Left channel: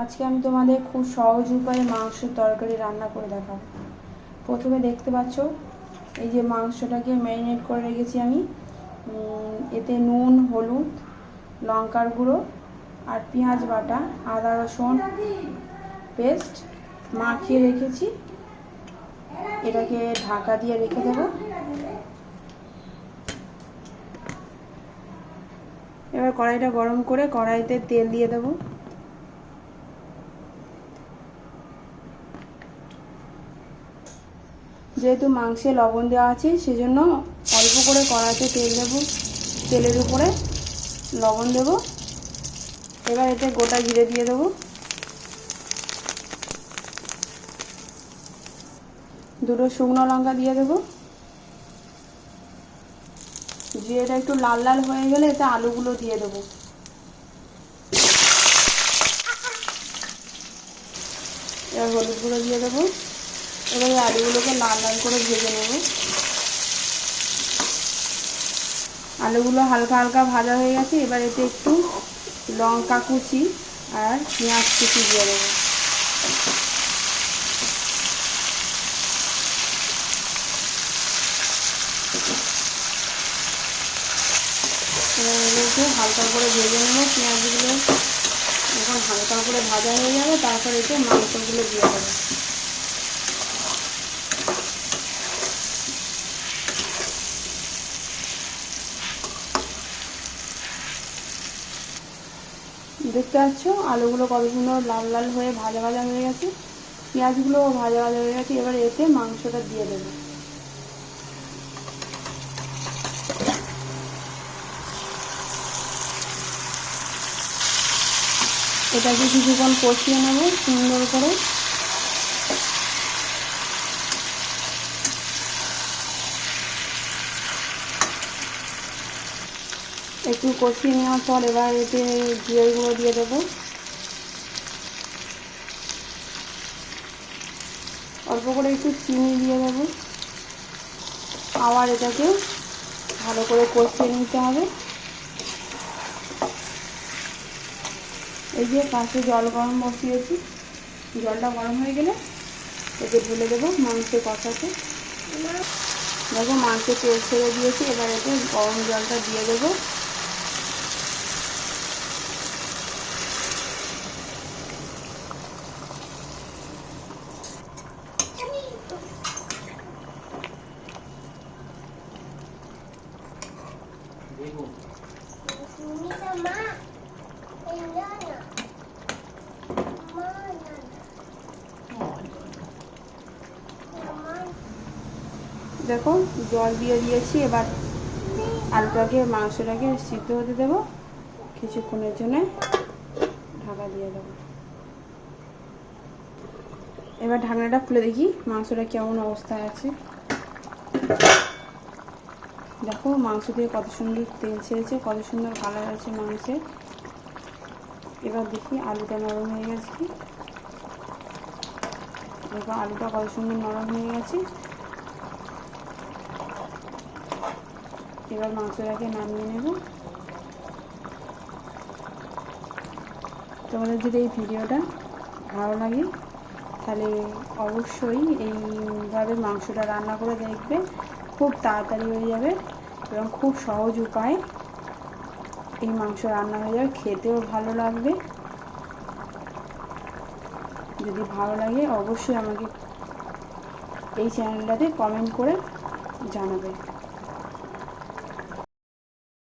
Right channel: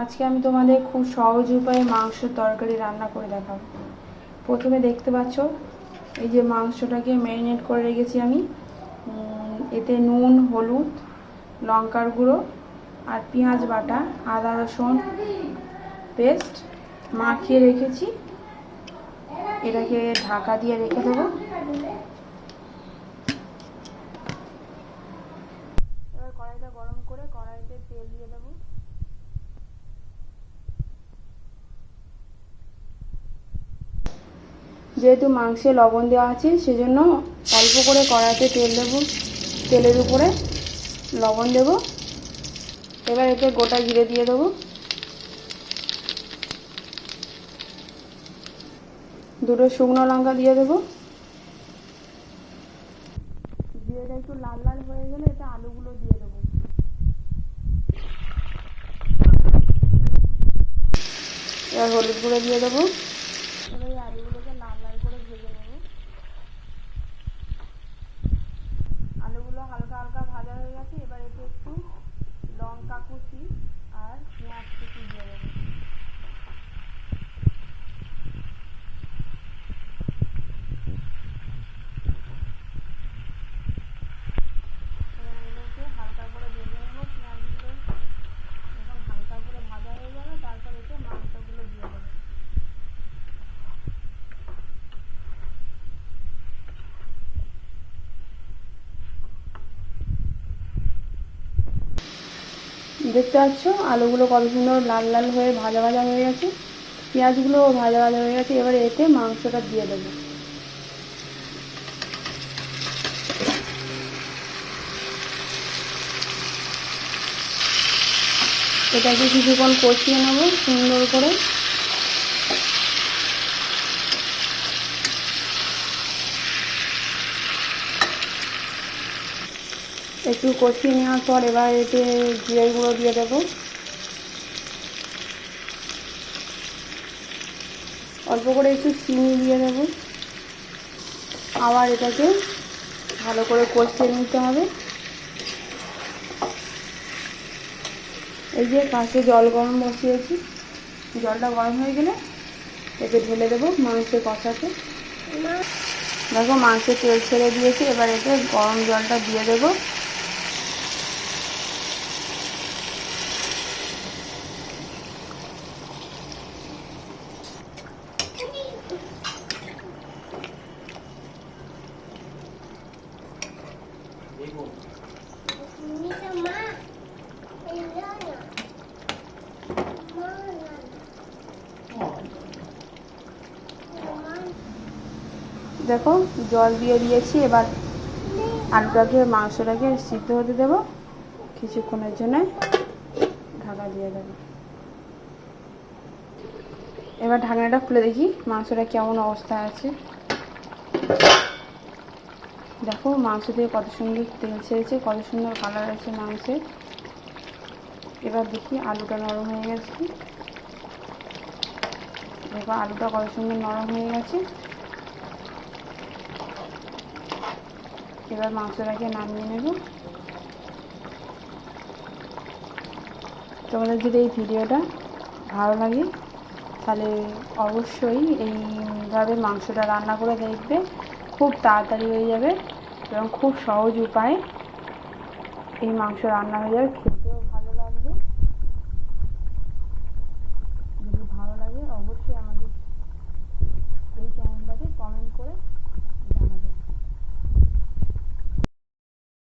আজকে আমি তোমাদের খুব সহজ উপায়ে মাংসের তরকারি রান্না করে দেখাবো। প্রথমে দেখতে পাচ্ছ এই যে মাংসটাকে ম্যারিনেট করে রেখেছি আমি। এতে নুন, হলুদ, লঙ্কার গুঁড়ো আর পেঁয়াজ বাটা, আদা রসুন পেস্ট মাখিয়ে রেখেছি। এটাকে ঢাকা দিয়ে রেখে দেবো। এবার কড়াইটা গরম করে কড়াইতে তেল দিয়ে দেবো। যেহেতু মাংসে লবণ দেওয়া আছে সেজন্য অল্প করে কড়াইতে তেল দেবো। তেলের উপরে লবণ দেবো। এবার এতে গোটা জিরে দিয়ে দেবো, দুটো শুকনো লঙ্কা দিয়ে দেবো। জিরেটা একটু লাল লাল হয়ে গেলে এতে আলুগুলো দিয়ে দেবো। এবার হলুদ গুঁড়ো দিয়ে দেবো। এবার এই আলুগুলোকে লাল লাল করে ভেজে নেব। আলুগুলো হালকা হালকা ভাজা হয়ে গেছে। এবার এতে একটু লঙ্কা কুচি আর পেঁয়াজ কুচি দিয়ে দেবো। এবার এগুলোকে হালকা করে ভেজে নেবো। পেঁয়াজগুলো যখন হালকা করে ভাজা হয়ে যাবে তারপর এতে মাংসগুলো দিয়ে দেবো। দেখতে পাচ্ছ আলুগুলো কত সুন্দর লাল লাল হয়ে ভাজা ভাজা হয়ে গেছে, পেঁয়াজগুলো ভাজা ভাজা হয়ে গেছে। এবার এতে মাংসটা দিয়ে দেবো। এটাকে কিছুক্ষণ কষিয়ে নেব সুন্দর করে। একটু কষিয়ে নেওয়ার পর এবার এতে জিরে গুঁড়ো দিয়ে দেবো। অল্প করে একটু চিনি দিয়ে দেবো। আবার এটাকে ভালো করে কষিয়ে নিতে হবে। এই যে পাশে জল গরম বসিয়েছি, জলটা গরম হয়ে গেলে এতে ঢেলে দেবো মাংসের কষাতে। দেখো মাংসে তেল ছেড়ে দিয়েছি। এবার এতে গরম জলটা দিয়ে দেবো। দেখো জল দিয়ে দিয়েছি। এবার আলুটাকে মাংসটাকে সিদ্ধ হতে দেবো। কিছুক্ষণের জন্য ঢাকা দিয়ে দেবো। এবার ঢাকনাটা খুলে দেখি মাংসটা কেমন অবস্থায় আছে। দেখো মাংস দিয়ে কত সুন্দর তেল ছেড়েছে, কত সুন্দর কালার আছে মাংসের। এবার দেখি আলুটা নরম হয়ে গেছে কি। দেখো আলুটা কত সুন্দর নরম হয়ে গেছে। এবার মাংসটাকে নামিয়ে নেব। তোমাদের যদি এই ভিডিওটা ভালো লাগে তাহলে অবশ্যই এইভাবে মাংসটা রান্না করে দেখবে। খুব তাড়াতাড়ি হয়ে যাবে এবং খুব সহজ উপায়ে এই মাংস রান্না হয়ে যাবে। খেতেও ভালো লাগবে। যদি ভালো লাগে অবশ্যই আমাকে এই চ্যানেলটাতে কমেন্ট করে জানাবে।